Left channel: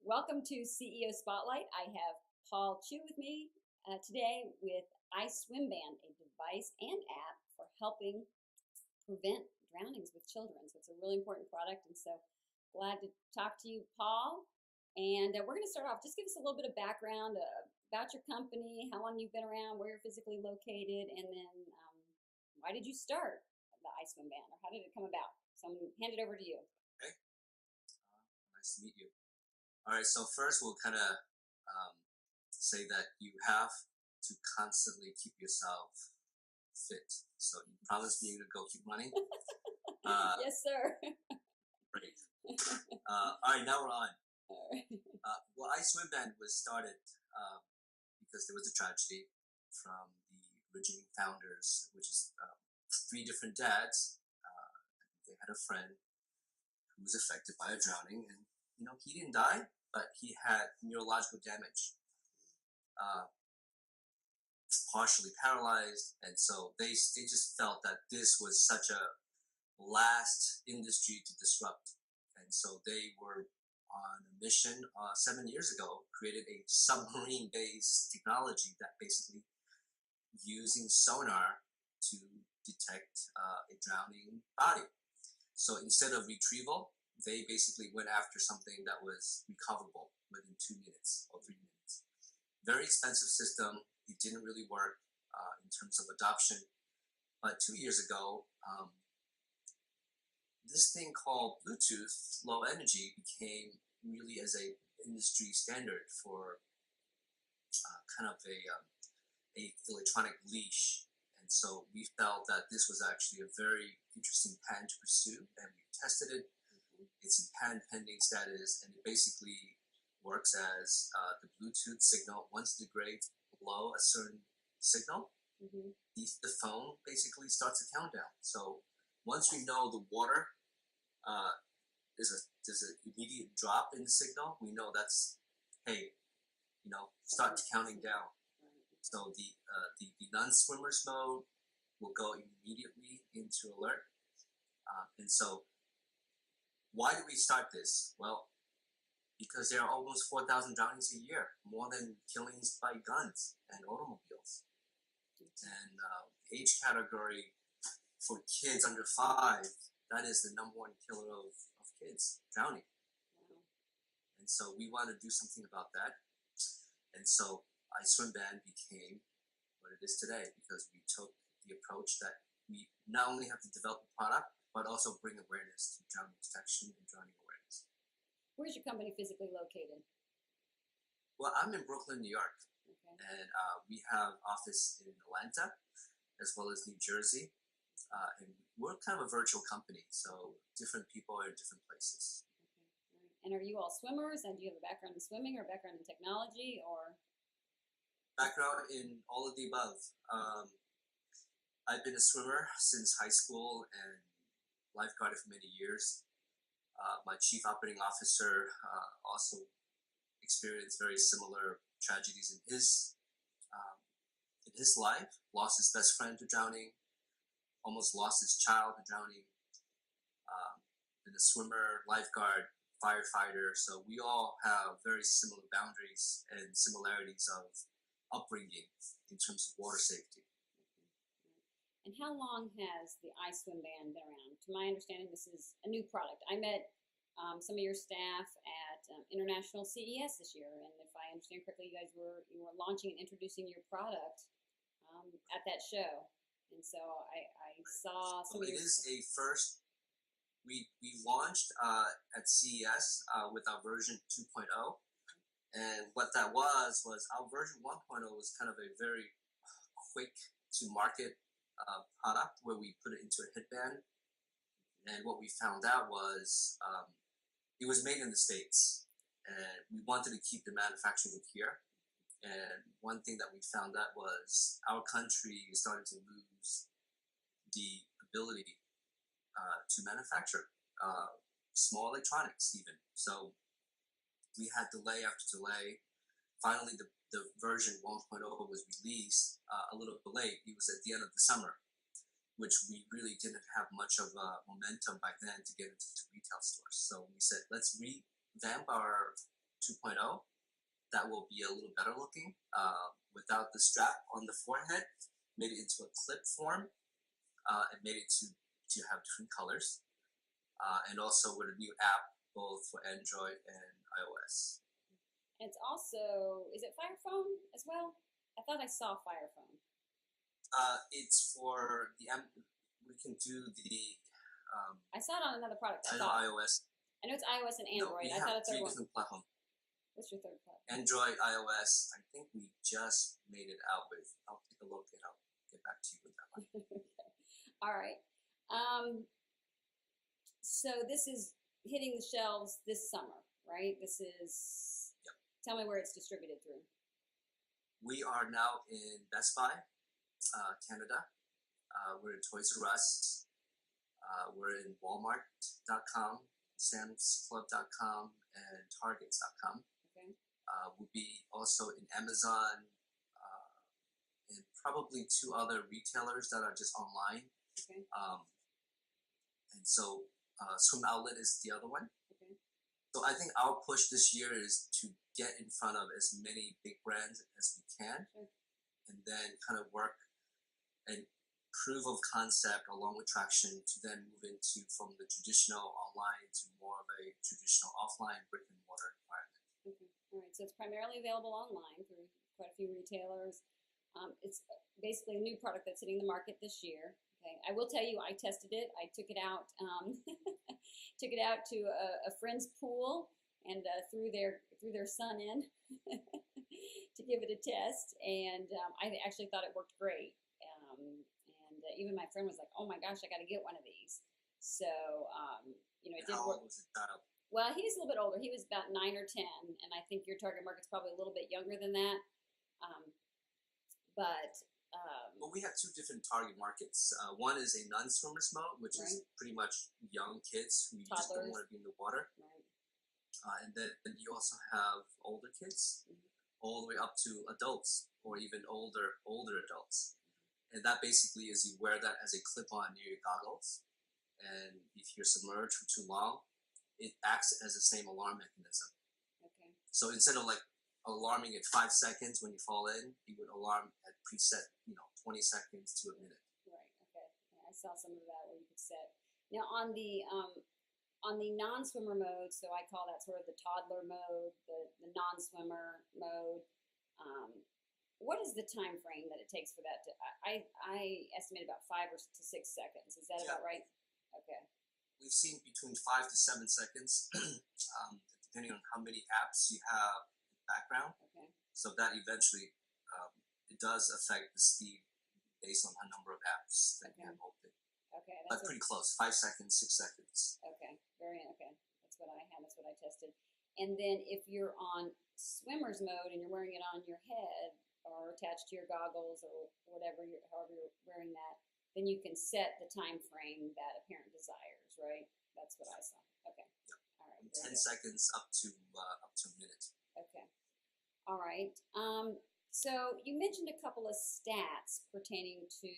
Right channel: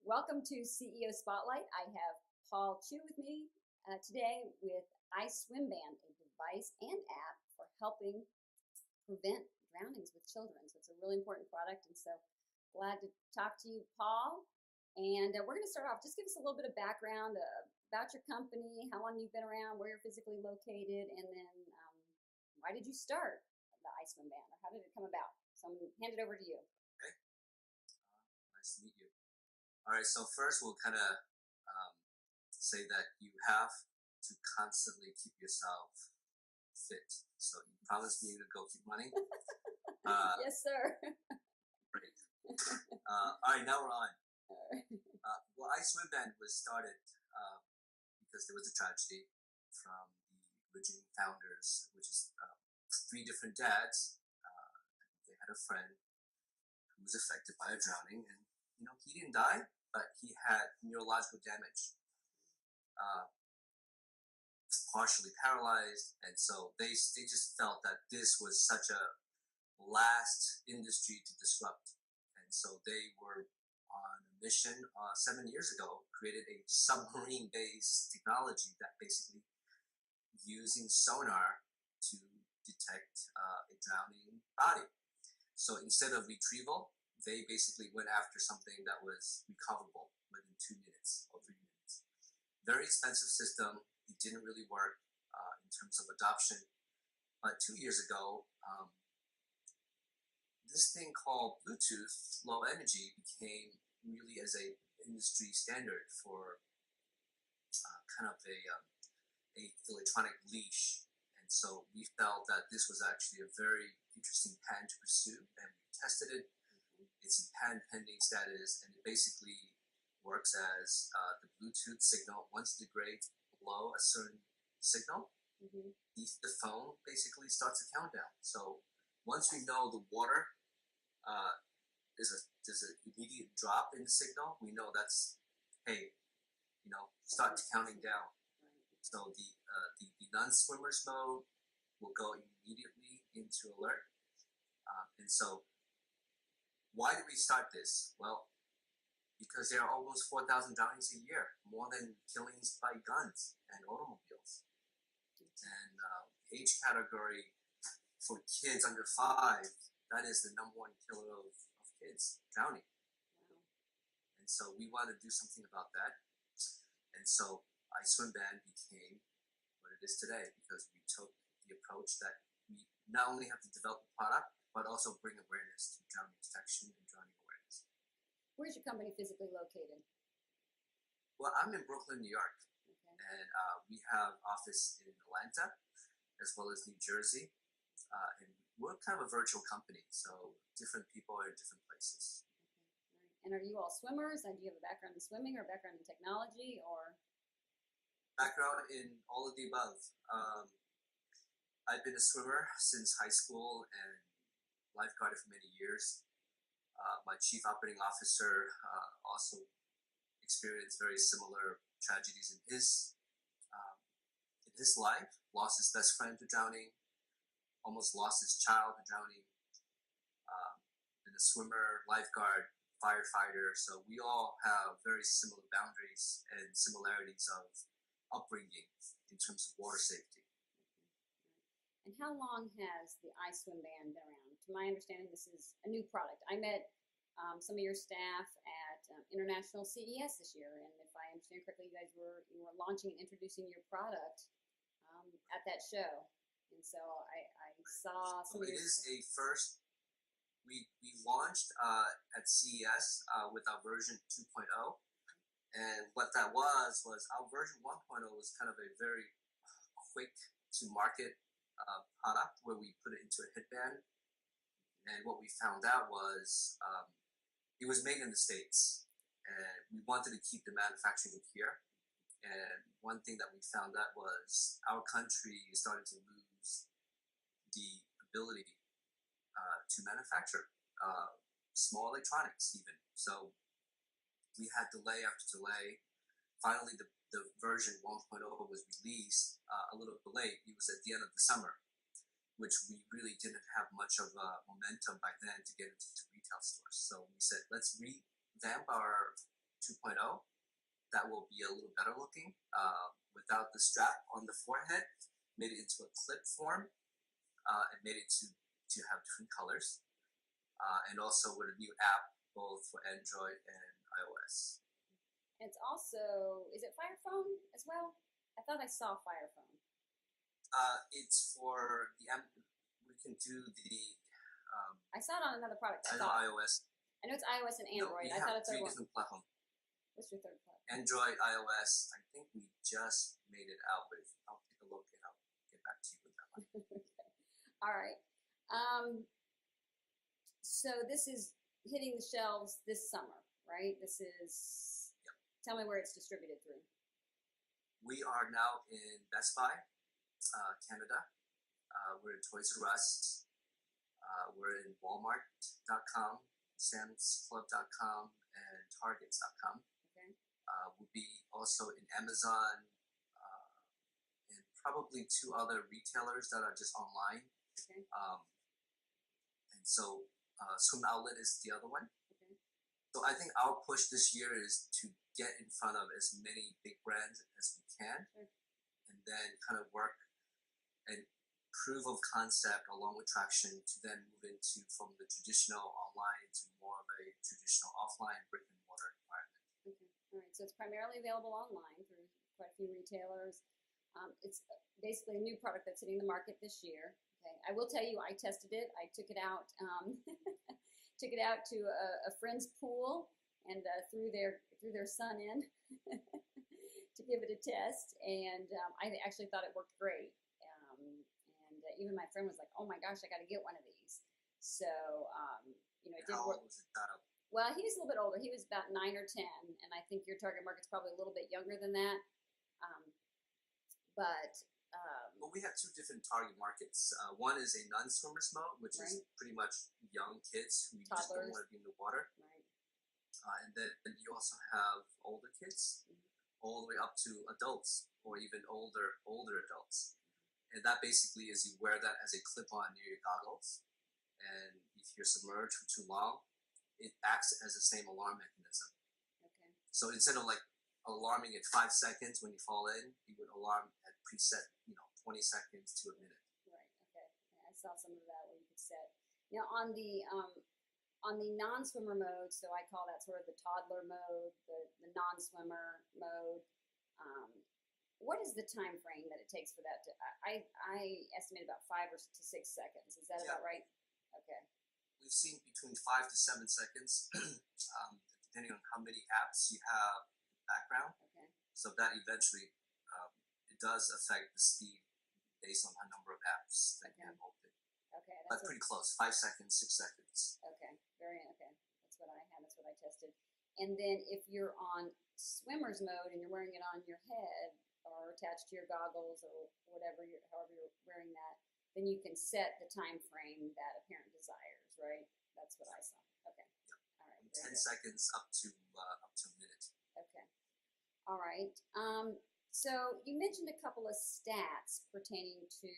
Welcome to CEO Spotlight. I have Paul Chu with me today with iSwimband, a device and app for helping prevent drownings with children. So it's a really important product, and so glad to talk to you, Paul. And we're going to start off. Just give us a little bit of background about your company, how long you've been around, where you're physically located, and then why did you start the iSwimband, or how did it come about? So I'm going to hand it over to you. Okay. Nice to meet you. All right, so first we'll kind of say that you have to constantly keep yourself fit. So you promise me to go keep running? Yes, sir. Great. All right, now we're on. All right. Well, iSwimband was started because there was a tragedy from the originating founders, which is 3 different dads. They had a friend who was affected by a drowning, and he didn't die, but he had neurological damage, partially paralyzed, and so they just felt that this was such a last industry to disrupt, and so they were on a mission 7 years ago, created a submarine-based technology that basically using sonar to detect a drowning body. So instead of retrieval, they basically went after something that was recoverable within 2 minutes or 3 minutes. Very expensive system. It didn't really work in terms of adoption. But 2 years ago, this thing called Bluetooth Low Energy became really as a industry standard for kind of a electronic leash. And so we felt that this was actually a very interesting patent to pursue, and we tested it. It's in patent pending status, and it basically works as the Bluetooth signal. Once it degrades below a certain signal, the phone basically starts a countdown. So once we know the water there's an immediate drop in the signal, we know that's, hey, start counting down. So the non-swimmers mode will go immediately into alert. And so why did we start this? Well, because there are almost 4,000 drownings a year, more than killings by guns and automobiles. And age category for kids under 5, that is the #1 killer of kids, drowning. Wow. And so we want to do something about that. And so iSwimband became what it is today, because we took the approach that we not only have to develop a product, but also bring awareness to drowning detection and drowning awareness. Where's your company physically located? Well, I'm in Brooklyn, New York. Okay. And we have office in Atlanta as well as New Jersey. And we're kind of a virtual company, so different people are in different places. Okay. All right. And are you all swimmers? And do you have a background in swimming or a background in technology, or? Background in all of the above. I've been a swimmer since high school and lifeguarded for many years. My chief operating officer also experienced very similar tragedies in his life. Lost his best friend to drowning, almost lost his child to drowning. Been a swimmer, lifeguard, firefighter. So we all have very similar boundaries and similarities of upbringing in terms of water safety. And how long has the iSwimband been around? To my understanding, this is a new product. I met some of your staff at International CES this year, and if I understand correctly, you were launching and introducing your product at that show. And so I saw some. So it is a first. We launched at CES with our version 2.0, and what that was our version 1.0 was kind of a very quick to market product where we put it into a headband, and what we found out was it was made in the States, and we wanted to keep the manufacturing here. And one thing that we found out was our country is starting to lose the ability to manufacture small electronics even. So we had delay after delay. Finally, the version 1.0 was released a little bit late. It was at the end of the summer, which we really didn't have much of momentum by then to get into retail stores. So we said, let's revamp our 2.0 that will be a little better looking without the strap on the forehead. Made it into a clip form and made it to have different colors. And also with a new app both for Android and iOS. It's also, is it Fire Phone as well? I thought I saw Fire Phone. It's for we can do the. I saw it on another product. I know iOS. I know it's iOS and Android. No, we I have thought a third three one. different platforms. What's your third platform? Android, iOS. I think we just made it out with. I'll take a look and I'll get back to you with that one. Okay. All right. So this is hitting the shelves this summer, right? This is. Yep. Tell me where it's distributed through. We are now in Best Buy, Canada. We're in Toys R Us. We're in Walmart.com, SamsClub.com, and Targets.com. Okay. We'll be also in Amazon and probably 2 other retailers that are just online. Okay. And so Swim Outlet is the other one. Okay. So I think our push this year is to get in front of as many big brands as we can, Sure. and then kind of work and proof of concept along with traction to then move into from the traditional online to more of a traditional offline brick and mortar environment. Okay. All right. So it's primarily available online through quite a few retailers. It's basically a new product that's hitting the market this year. Okay. I will tell you, I tested it. I took it out, took it out to a friend's pool and threw their son in to give it a test. And I actually thought it worked great. Even my friend was like, "Oh my gosh, I got to get one of these." So it did How work. old was it child? Well, he's a little bit older. He was about 9 or 10, and I think your target market's probably a little bit younger than that. Well, we have 2 different target markets. One is a non-swimmers mode, which is pretty much young kids who just don't Toddlers. want to be in the water. Right. And then you also have older kids, all the way up to adults, or even older adults. And that basically is you wear that as a clip-on near your goggles, and if you're submerged for too long, it acts as the same alarm mechanism. Okay. So instead of like alarming at 5 seconds when you fall in, you would alarm at preset, 20 seconds to a minute. Right. Okay. Yeah, I saw some of that where you could set. Now on the non-swimmer mode, so I call that sort of the toddler mode, the non-swimmer mode. What is the time frame that it takes for that to? I estimate about 5 to 6 seconds. Is that about right? Okay. We've seen between 5 to 7 seconds, depending on how many apps you have in the background. Okay. So that eventually it does affect the speed based on the number of apps that you have open. Okay. But pretty close, 5 seconds, 6 seconds. Okay. Okay. That's what I had. That's what I tested. And then if you're on swimmer's mode and you're wearing it on your head or attached to your goggles or whatever, however you're wearing that, then you can set the time frame that a parent desires, right? That's what I saw. Okay. Yep. All right. From 10 seconds up to a minute. Okay. All right. So you mentioned a couple of stats pertaining to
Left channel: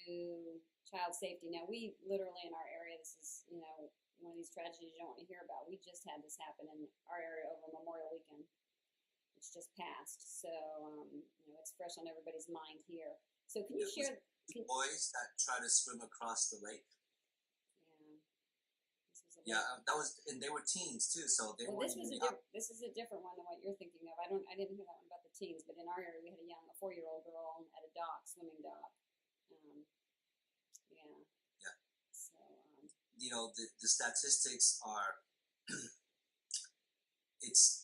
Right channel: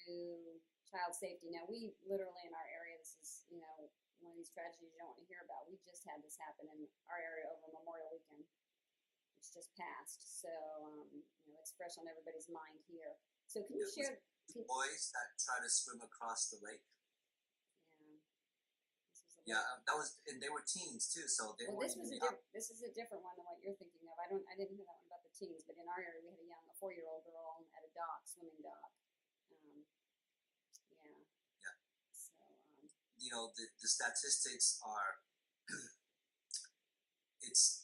child safety. Now, we literally in our area, this is, one of these tragedies you don't want to hear about. We just had this happen in our area over Memorial Weekend, which just passed. So, it's fresh on everybody's mind here. So can you share? Boys that try to swim across the lake. Yeah. That was, and they were teens too, so they were. This is a different one than what you're thinking of. I didn't hear that one about the teens, but in our area we had a 4-year-old girl at a swimming dock. Yeah. So. The statistics are. It's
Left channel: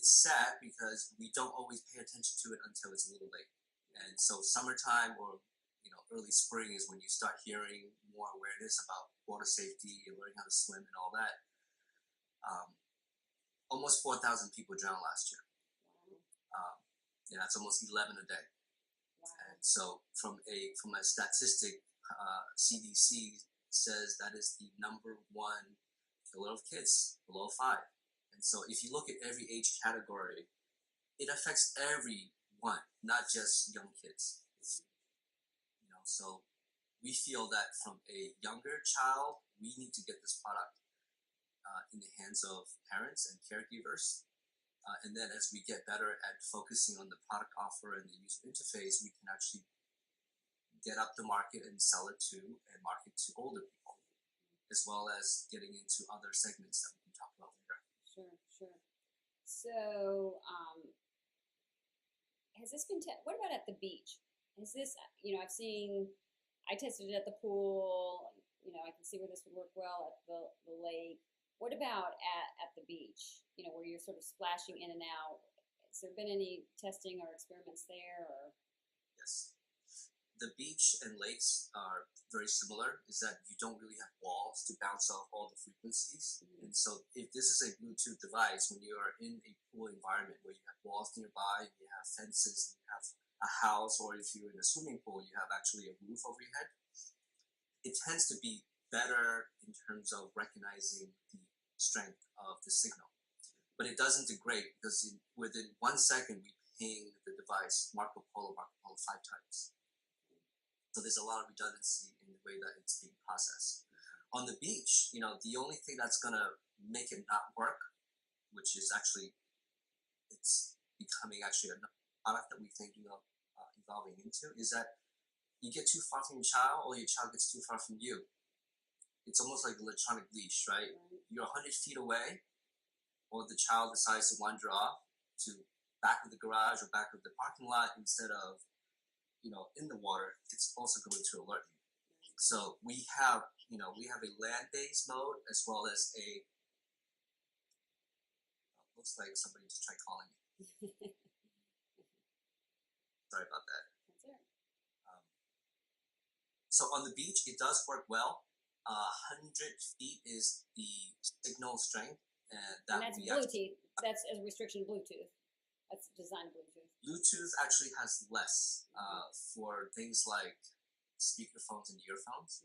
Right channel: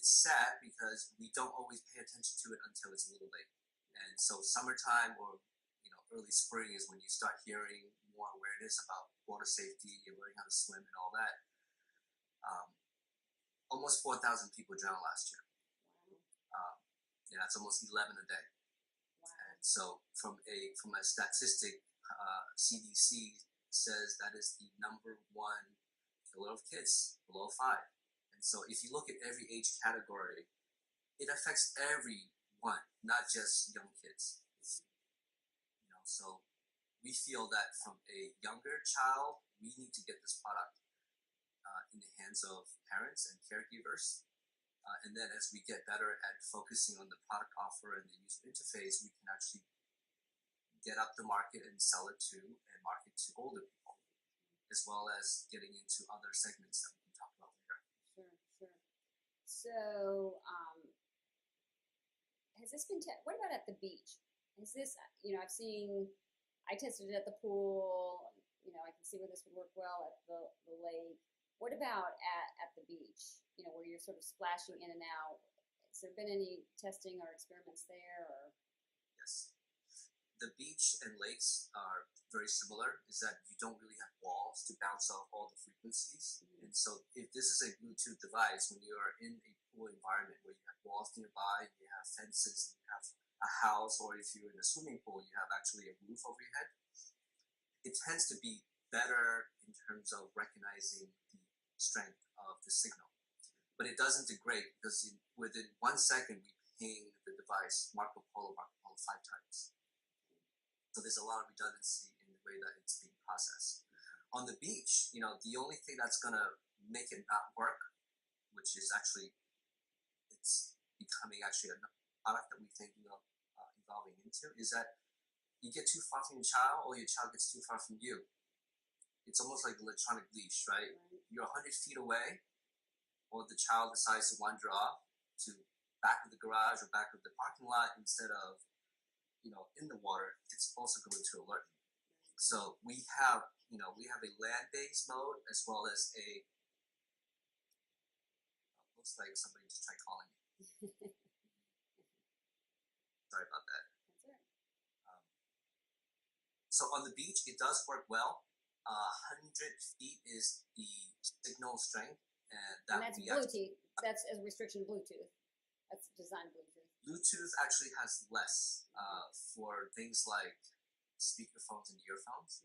sad because we don't always pay attention to it until it's a little late, and so summertime or early spring is when you start hearing more awareness about water safety and learning how to swim and all that. Almost 4,000 people drowned last year. Wow. That's almost 11 a day. Wow. And so from a statistic, CDC says that is the number 1 killer of kids below 5. And so if you look at every age category, it affects everyone, not just young kids. So we feel that from a younger child, we need to get this product in the hands of parents and caregivers And then as we get better at focusing on the product offer and the user interface, we can actually get up the market and sell it to and market to older people, as well as getting into other segments that we can talk about later. Sure, sure. So, has this been, what about at the beach? Is this, I tested it at the pool, I can see where this would work well at the lake. What about at the beach, where you're sort of splashing in and out? Has there been any testing or experiments there? Or? Yes. The beach and lakes are very similar, is that you don't really have walls to bounce off all the frequencies. And so if this is a Bluetooth device, when you are in a pool environment where you have walls nearby, you have fences, you have a house, or if you're in a swimming pool, you have actually a roof over your head, it tends to be better in terms of recognizing the strength of the signal. But it doesn't degrade because within 1 second we ping the device Marco Polo 5 times. So there's a lot of redundancy in the way that it's being processed. On the beach, the only thing that's gonna make it not work, which is actually, it's becoming actually a product that we think evolving into, is that you get too far from your child or your child gets too far from you. It's almost like electronic leash, right? You're 100 feet away, or the child decides to wander off to back of the garage or back of the parking lot instead of, in the water. It's also going to alert you. So we have a land-based mode as well as a, looks like somebody just tried calling me. Sorry about that. That's all right. So on the beach, it does work well. 100 feet is the signal strength. And that's Bluetooth. That's a restriction of Bluetooth. That's designed Bluetooth. Bluetooth actually has less for things like speakerphones and earphones,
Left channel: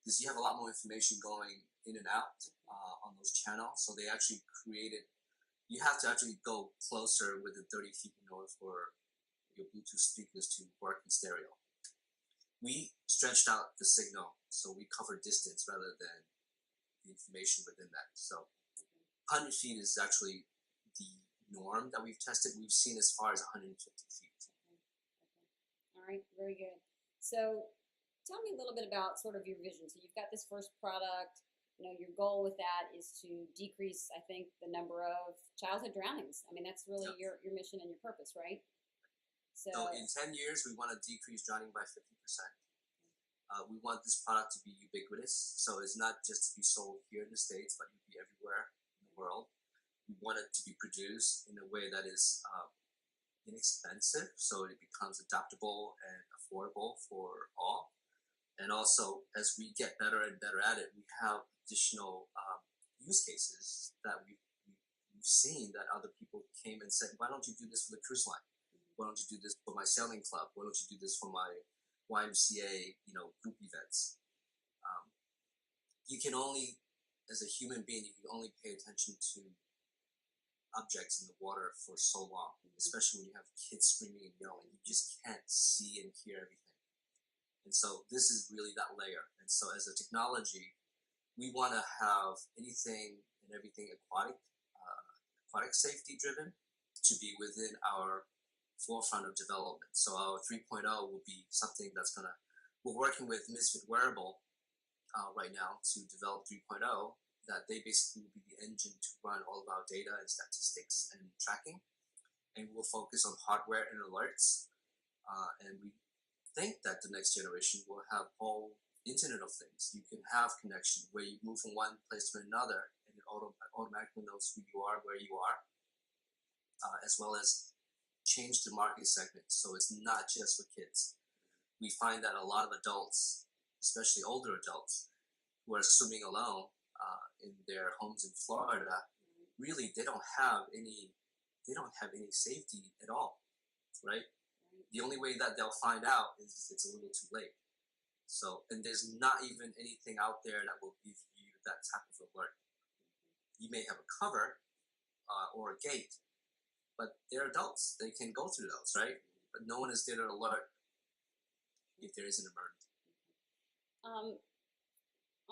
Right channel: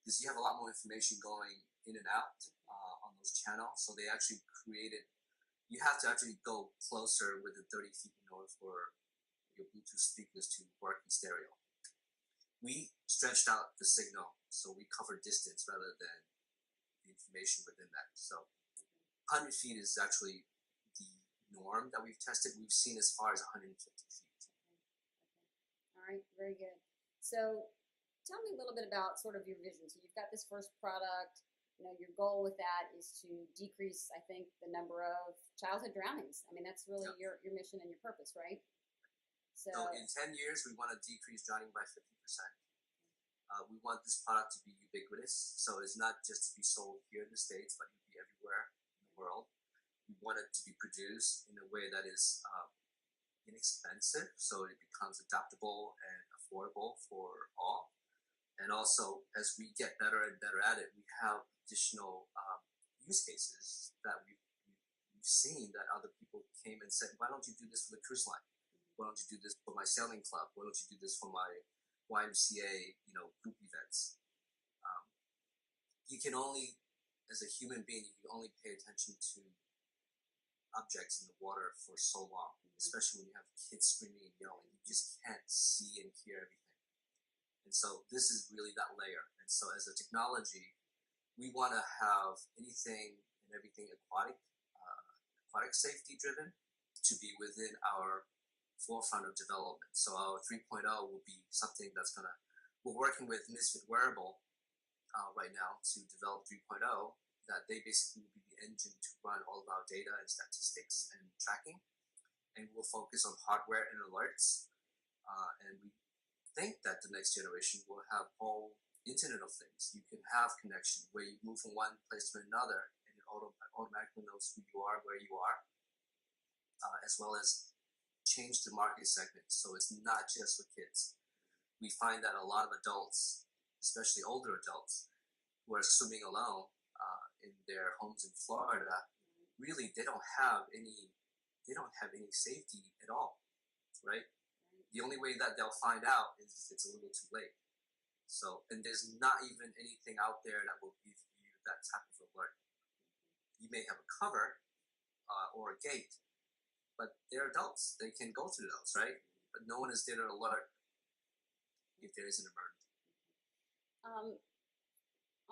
because you have a lot more information going in and out on those channels. So they actually created, you have to actually go closer within 30 feet in order for your Bluetooth speakers to work in stereo. We stretched out the signal, so we cover distance rather than the information within that. So 100 feet is actually the norm that we've tested. We've seen as far as 150 feet. Okay. All right, very good. So tell me a little bit about sort of your vision. So you've got this first product. Your goal with that is to decrease, I think, the number of childhood drownings. I mean, that's really your mission and your purpose, right? So in 10 years, we want to decrease drowning by 50%. We want this product to be ubiquitous, so it's not just to be sold here in the States, but to be everywhere in the world. We want it to be produced in a way that is inexpensive, so it becomes adaptable and affordable for all. And also, as we get better and better at it, we have additional use cases that we've seen that other people came and said, why don't you do this for the cruise line? Why don't you do this for my sailing club? Why don't you do this for my YMCA, group events? You can only, as a human being, you can only pay attention to objects in the water for so long, especially when you have kids screaming and yelling. You just can't see and hear everything. And so this is really that layer. And so as a technology, we want to have anything and everything aquatic safety driven to be within our forefront of development. So our 3.0 will be something that's we're working with Misfit Wearable right now to develop 3.0, that they basically will be the engine to run all of our data and statistics and tracking. And we'll focus on hardware and alerts. And we think that the next generation will have all Internet of Things. You can have connection where you move from one place to another and it automatically knows who you are, where you are, as well as change the market segment, so it's not just for kids. We find that a lot of adults, especially older adults, who are swimming alone in their homes in Florida, really they don't have any safety at all, right? The only way that they'll find out is it's a little too late. So, and there's not even anything out there that will give you that type of alert. You may have a cover or a gate, but they're adults. They can go through those, right? But no one is there to alert if there is an emergency.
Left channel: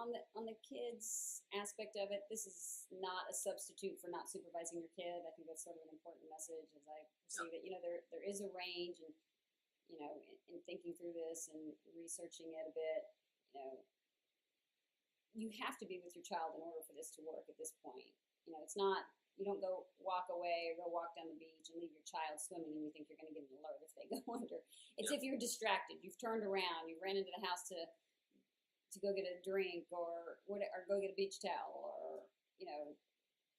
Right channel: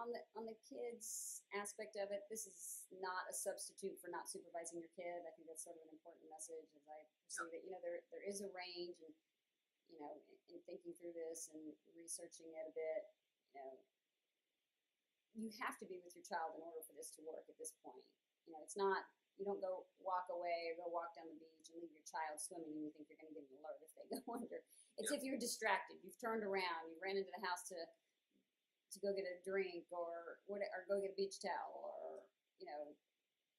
on the kids aspect of it, this is not a substitute for not supervising your kid. I think that's sort of an important message as I perceive it. You know, there is a range, and you know, in thinking through this and researching it a bit, you know, you have to be with your child in order for this to work at this point. You know, it's not, you don't go walk away or go walk down the beach and leave your child swimming and you think you're going to get an alert if they go under. It's if you're distracted, you've turned around, you ran into the house to go get a drink or go get a beach towel, or you know,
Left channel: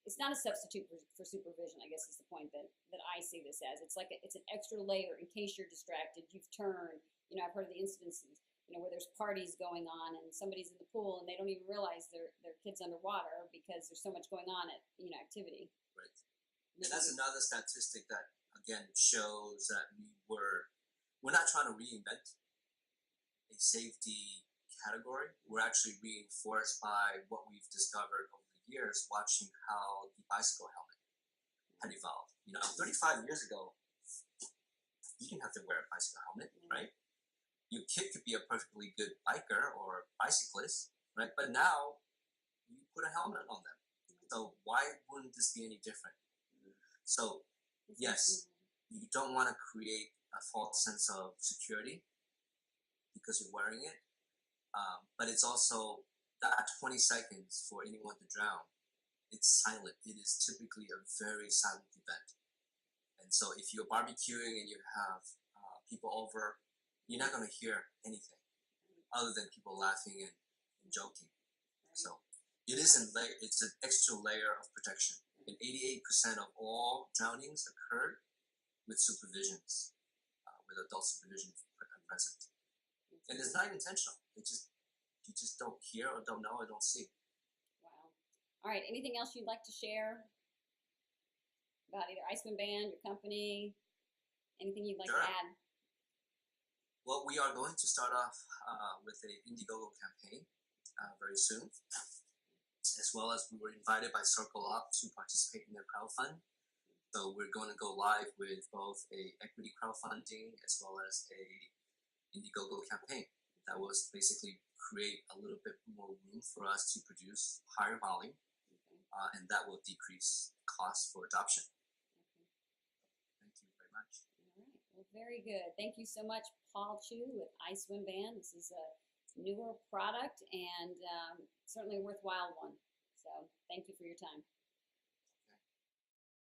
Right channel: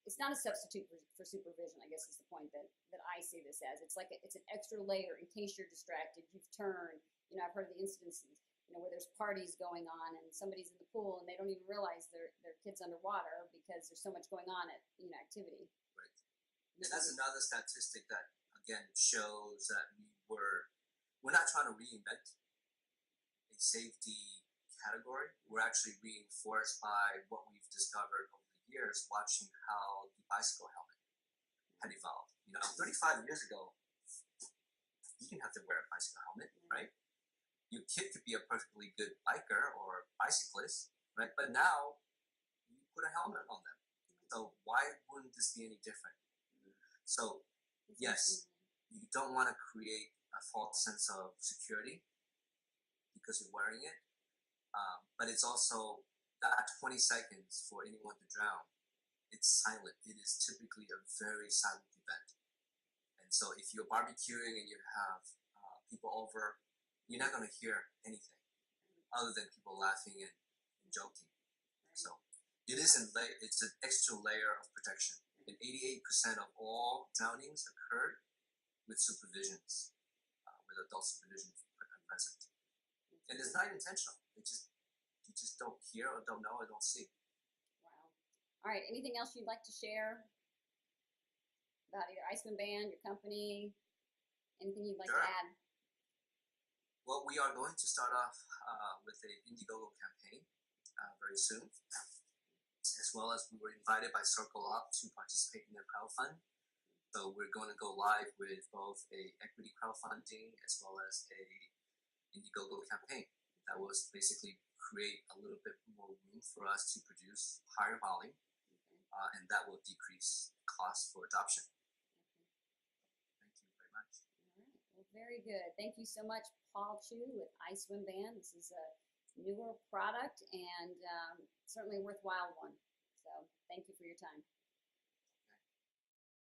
it's not a substitute for supervision, I guess is the point that I see this as. It's like it's an extra layer in case you're distracted, you've turned. You know, I've heard of the instances, you know, where there's parties going on and somebody's in the pool and they don't even realize their kid's underwater because there's so much going on at, you know, activity. Right. And that's another statistic that again shows that we're not trying to reinvent a safety category. We're actually reinforced by what we've discovered over the years, watching how the bicycle helmet had evolved. You know, 35 years ago, you didn't have to wear a bicycle helmet, right? Your kid could be a perfectly good biker or bicyclist, right? But now you put a helmet on them. So why wouldn't this be any different? So yes, you don't want to create a false sense of security because you're wearing it. But it's also that 20 seconds for anyone to drown. It's silent. It is typically a very silent event. And so if you're barbecuing and you have people over, you're not going to hear anything other than people laughing and joking. So it is it's an extra layer of protection. And 88% of all drownings occurred with supervisions, with adult supervision present. And it's not intentional. You just don't hear or don't know or don't see. Wow. All right. Anything else you'd like to share about either iSwimband, your company? Anything you'd like to add? Well, we are going to start off with an Indiegogo campaign very soon, as well as we were invited by Circle Up to participate in their crowdfund. So we're going to go live with both a equity crowdfunding as well as a Indiegogo campaign that was basically create a little bit more room for us to produce higher volume, and that will decrease costs for adoption. Thank you very much. All right. Well, very good. Thank you so much, Paul Chu with iSwimband. This is a newer product and certainly a worthwhile one. So thank you for your time.